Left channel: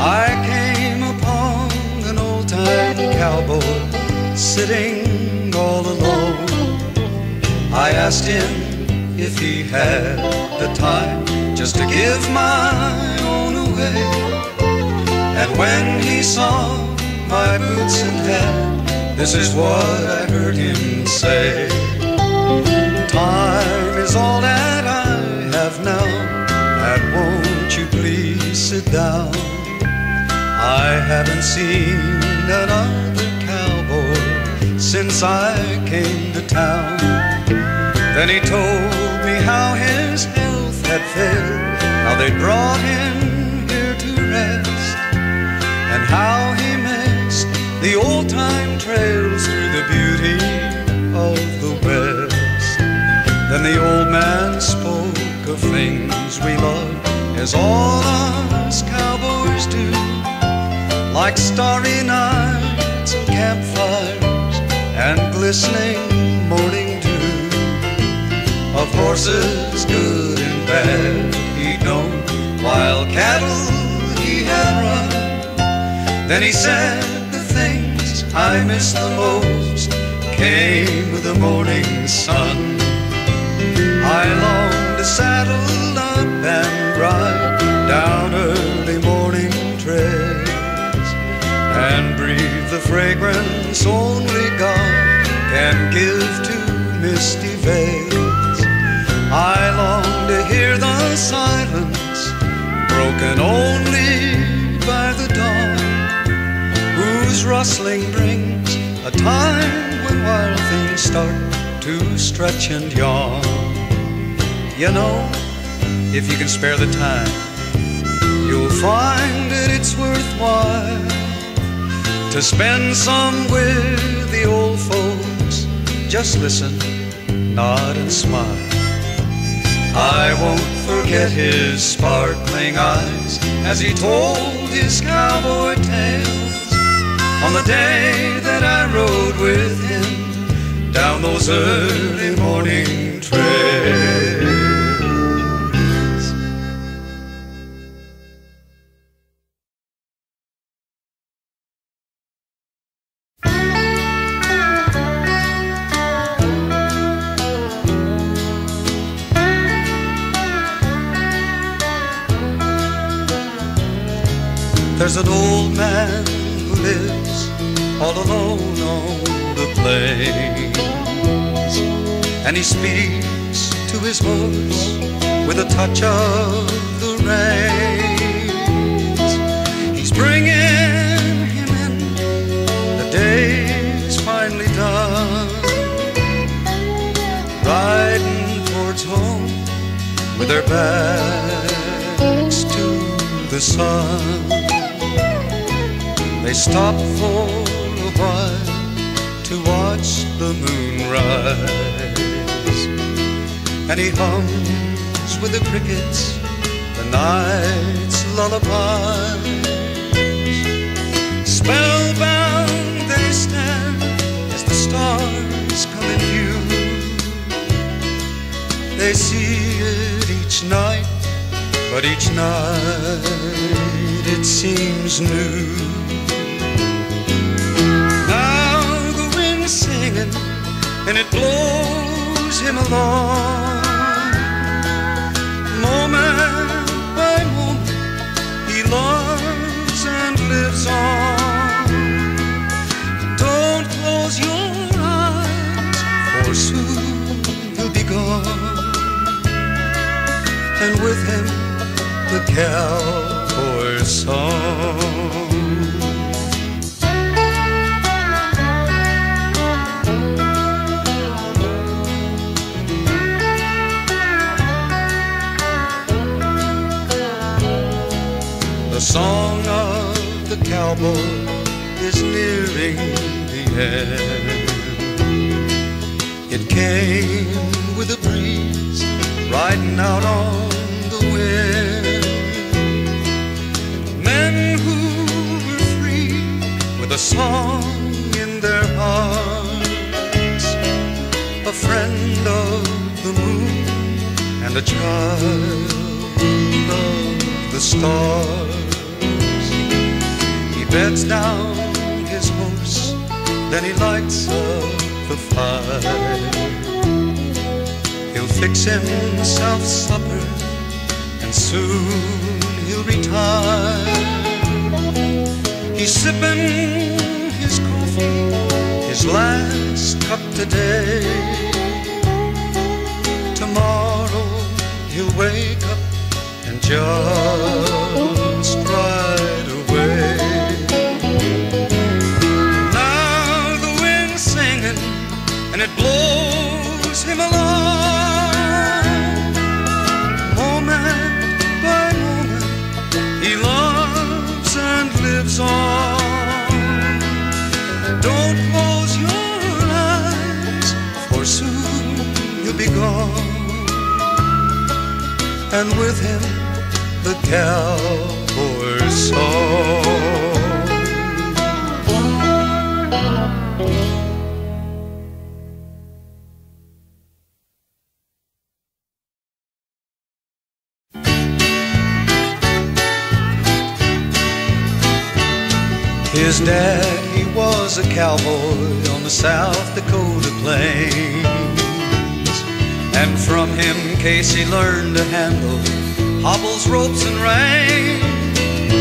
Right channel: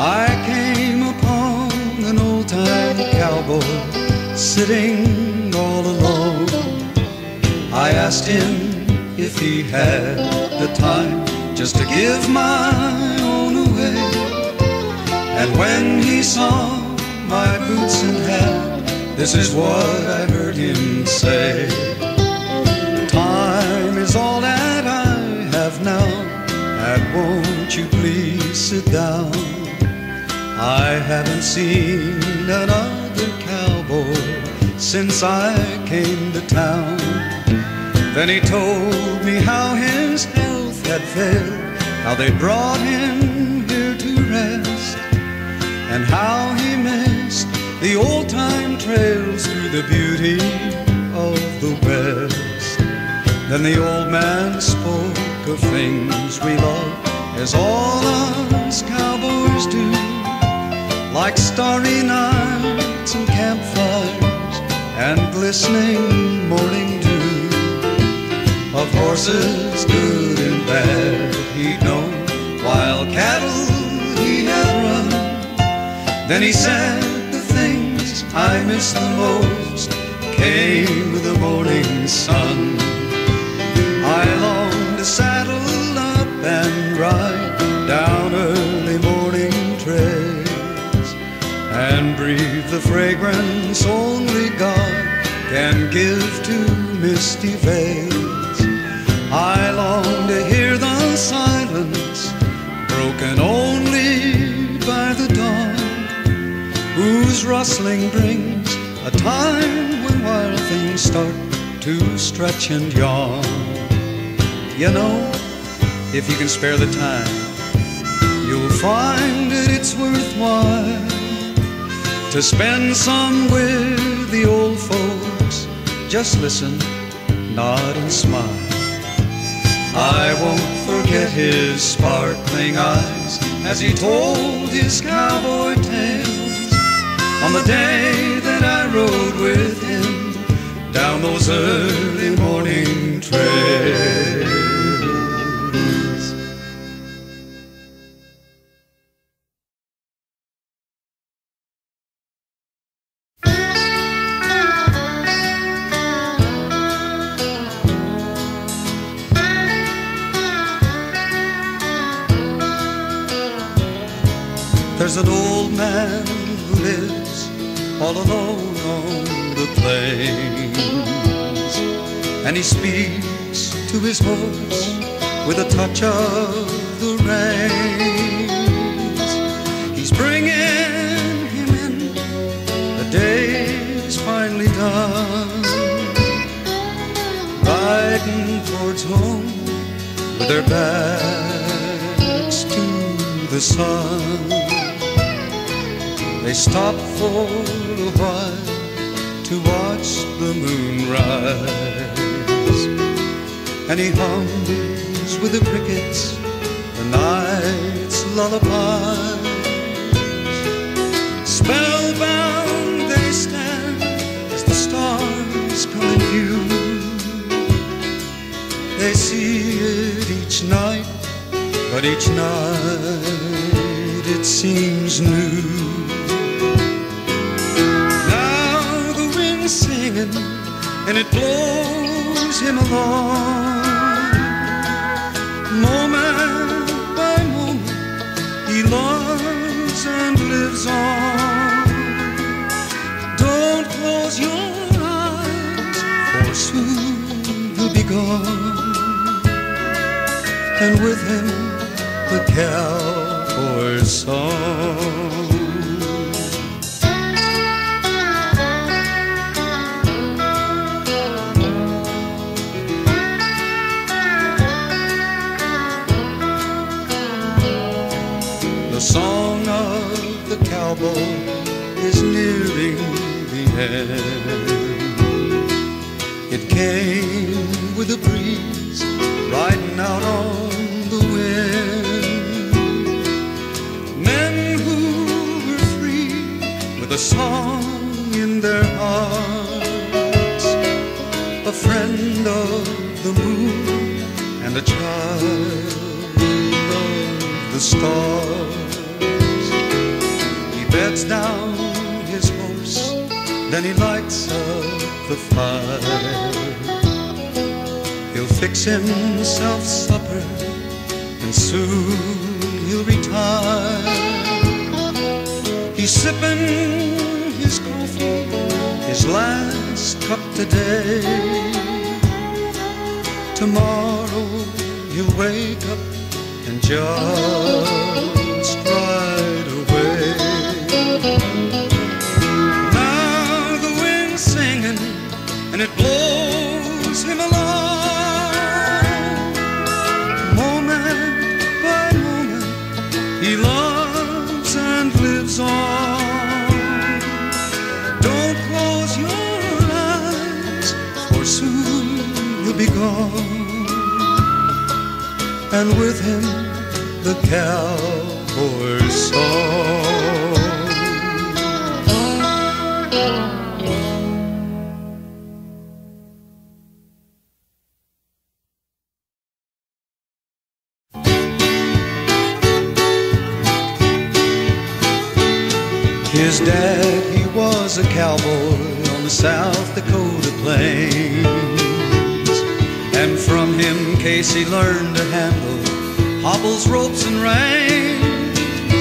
I came upon an old-time cowboy sitting all alone. I asked him if he had the time just to give my own away. And when he saw my boots and hat, this is what I heard him say. Time is all that I have now, and won't you please sit down? I haven't seen another cowboy since I came to town. Then he told me how his health had failed, how they brought him here to rest, and how he missed the old-time trails through the beauty of the West. Then the old man spoke of things we love, as all us cowboys do, like starry nights and campfires and glistening morning dew. Of horses good and bad he'd known, wild cattle he had run. Then he said the things I miss the most came with the morning sun. I long to saddle up and ride down early morning trails and breathe the fragrance only God can give to misty vales. I long to hear the silence broken only by the dawn, whose rustling brings a time when wild things start to stretch and yawn. You know, if you can spare the time, you'll find that it's worthwhile to spend some with the old folks. Just listen, nod and smile. I won't forget his sparkling eyes as he told his cowboy tales on the day that I rode with him down those early morning trails. There's an old man who lives all alone on the plains, and he speaks to his horse with a touch of the reins. He's bringing him in, the day's finally done, riding towards home with their backs to the sun. They stop for a while to watch the moon rise, and he hums with the crickets the night's lullaby. Spellbound they stand as the stars come in view. They see it each night, but each night it seems new. Singing, and it blows him along. Moment by moment he loves and lives on. Don't close your eyes, for soon he'll be gone, and with him the cowboy's song. The song of the cowboy is nearing the end. It came with a breeze riding out on the wind. Men who were free with a song in their hearts, a friend of the moon and a child of the stars. beds down his horse, then he lights up the fire. He'll fix himself supper, and soon he'll retire. He's sipping his coffee, his last cup today. Tomorrow he'll wake up and just ride away. Now the wind's singing and it blows him along. Moment by moment he loves and lives on. Don't close your eyes, for soon he'll be gone. And with him the cowboy's song. His dad, he was a cowboy on the South Dakota plains, and from him Casey learned to handle hobbles, ropes, and reins.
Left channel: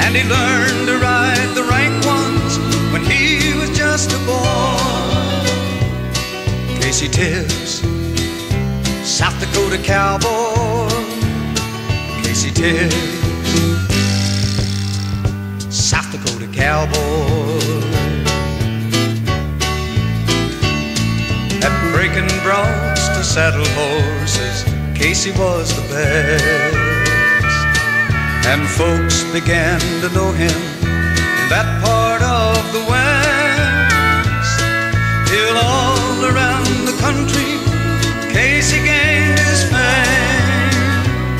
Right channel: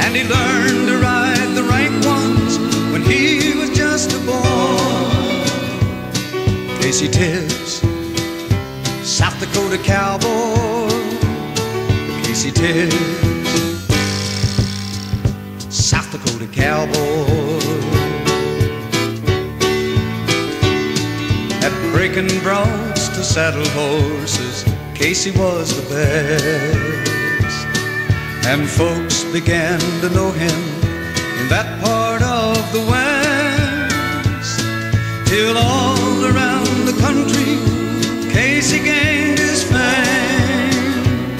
And he learned to ride the rank ones when he was just a boy. Casey Tibbs, South Dakota cowboy. Casey Tibbs, South Dakota cowboy. At breaking broncs to saddle horses, Casey was the best, and folks began to know him in that part of the West. Till all around the country Casey gained his fame.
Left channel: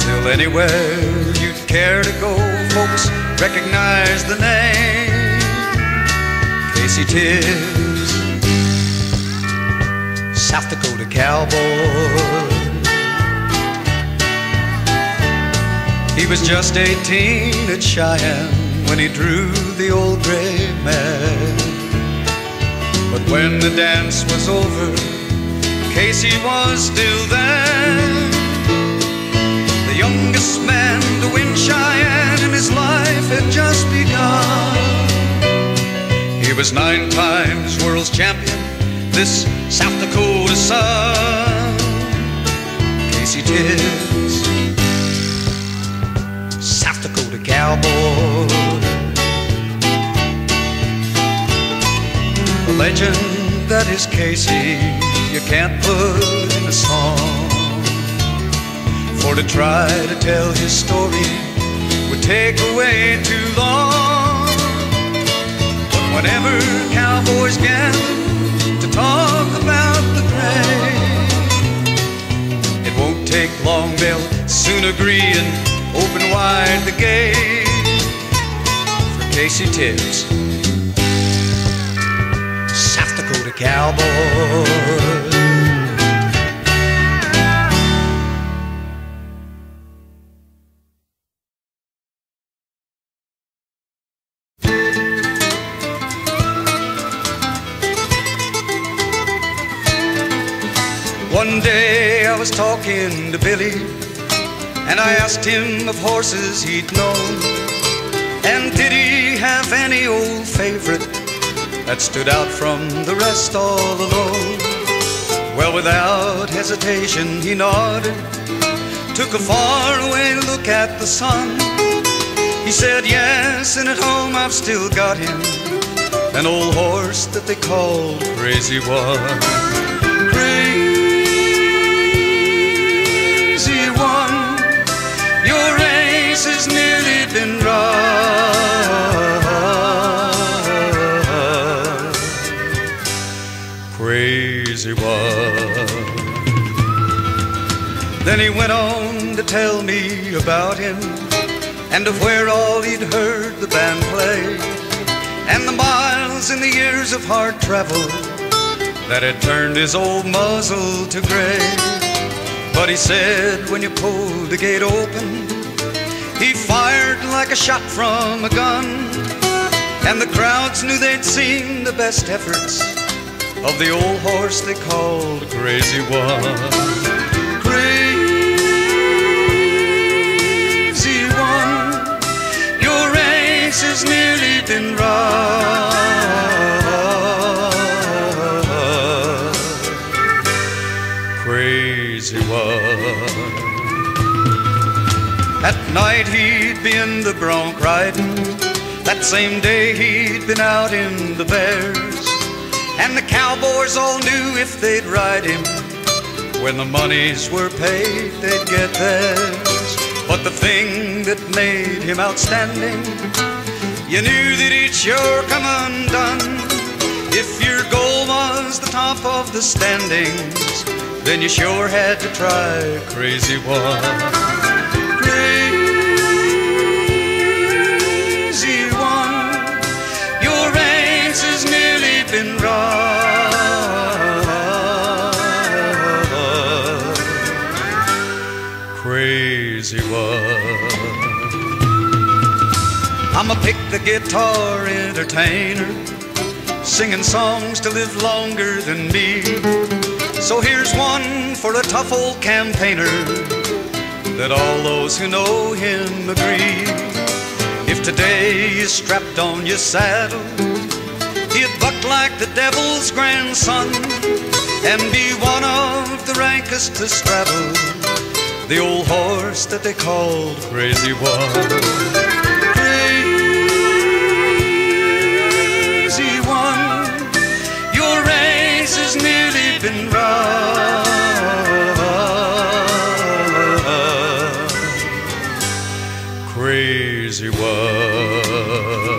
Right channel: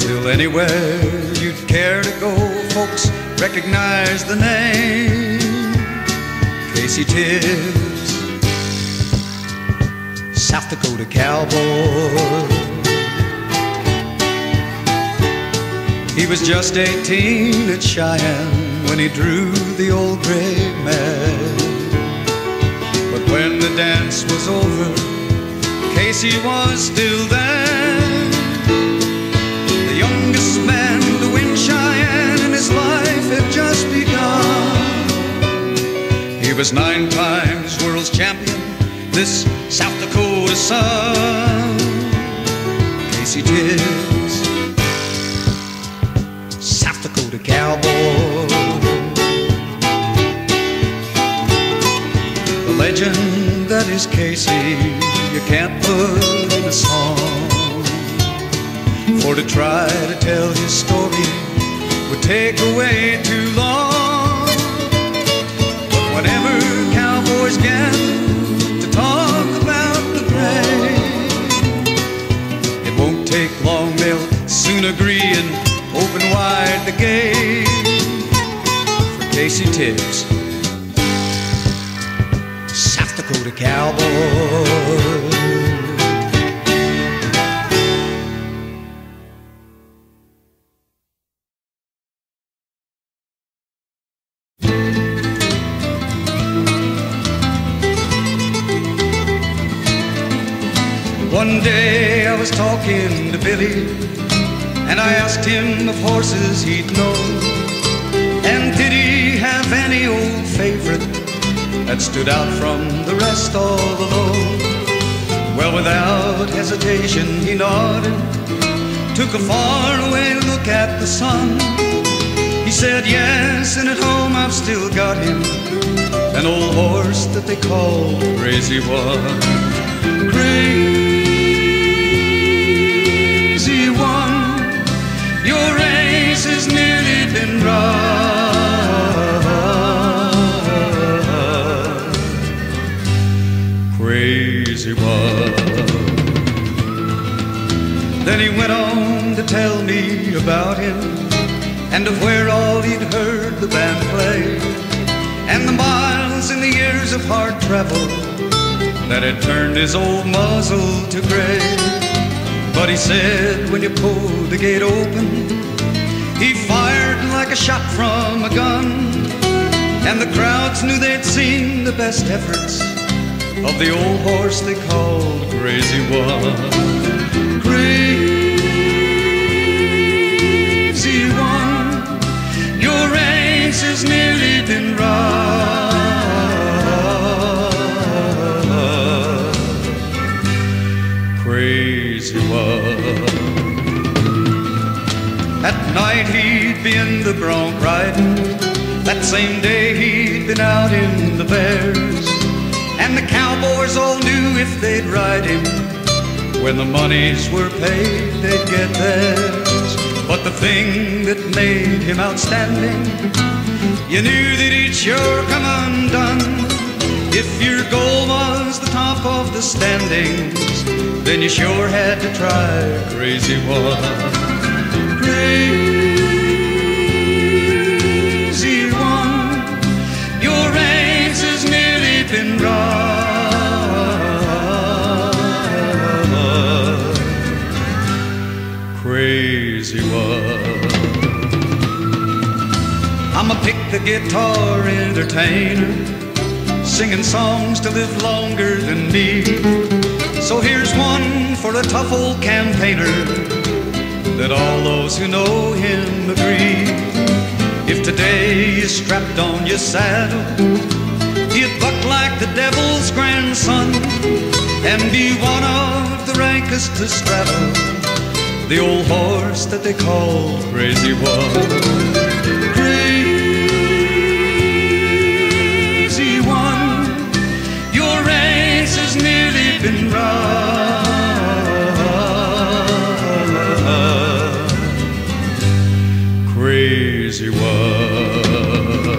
Till anywhere you'd care to go, folks recognize the name. Casey Tibbs, South Dakota cowboy. He was just 18 at Cheyenne when he drew the old gray mare. But when the dance was over, Casey was still there. The youngest man to win Cheyenne, and his life had just begun. He was 9 times world's champion, this South Dakota son. Casey Tibbs, South Dakota cowboy. The legend that is Casey, you can't put in a song. For to try to tell his story would take away too long. But whenever cowboys gather to talk about the great, it won't take long, they'll soon agree and open wide the gate for Casey Tibbs, South Dakota cowboy. One day I was talking to Billy, and I asked him of horses he'd known, and did he have any old favorite that stood out from the rest all alone. Well, without hesitation he nodded, took a faraway look at the sun. He said, yes, and at home I've still got him, an old horse that they call Crazy One. Crazy One, your race has nearly been run. Crazy One. Then he went on to tell me about him, and of where all he'd heard the band play, and the miles and the years of hard travel that had turned his old muzzle to gray. But he said when you pulled the gate open, he fired like a shot from a gun, and the crowds knew they'd seen the best efforts of the old horse they called Crazy One. Crazy One, your race has nearly been run. Crazy One. At night he'd be in the bronc riding. That same day he'd been out in the Bears, and the cowboys all knew if they'd ride him, when the monies were paid, they'd get theirs. But the thing that made him outstanding, you knew that he'd sure come undone. If your goal was the top of the standings, then you sure had to try Crazy One. Crazy One, your race has nearly been run. Crazy One. I'ma pick the guitar entertainer, singing songs to live longer than me. So here's one for a tough old campaigner, that all those who know him agree. If today you strapped on your saddle, he'd buck like the devil's grandson, and be one of the rankest to straddle, the old horse that they call Crazy One. Crazy One, your race has nearly been run. Crazy One.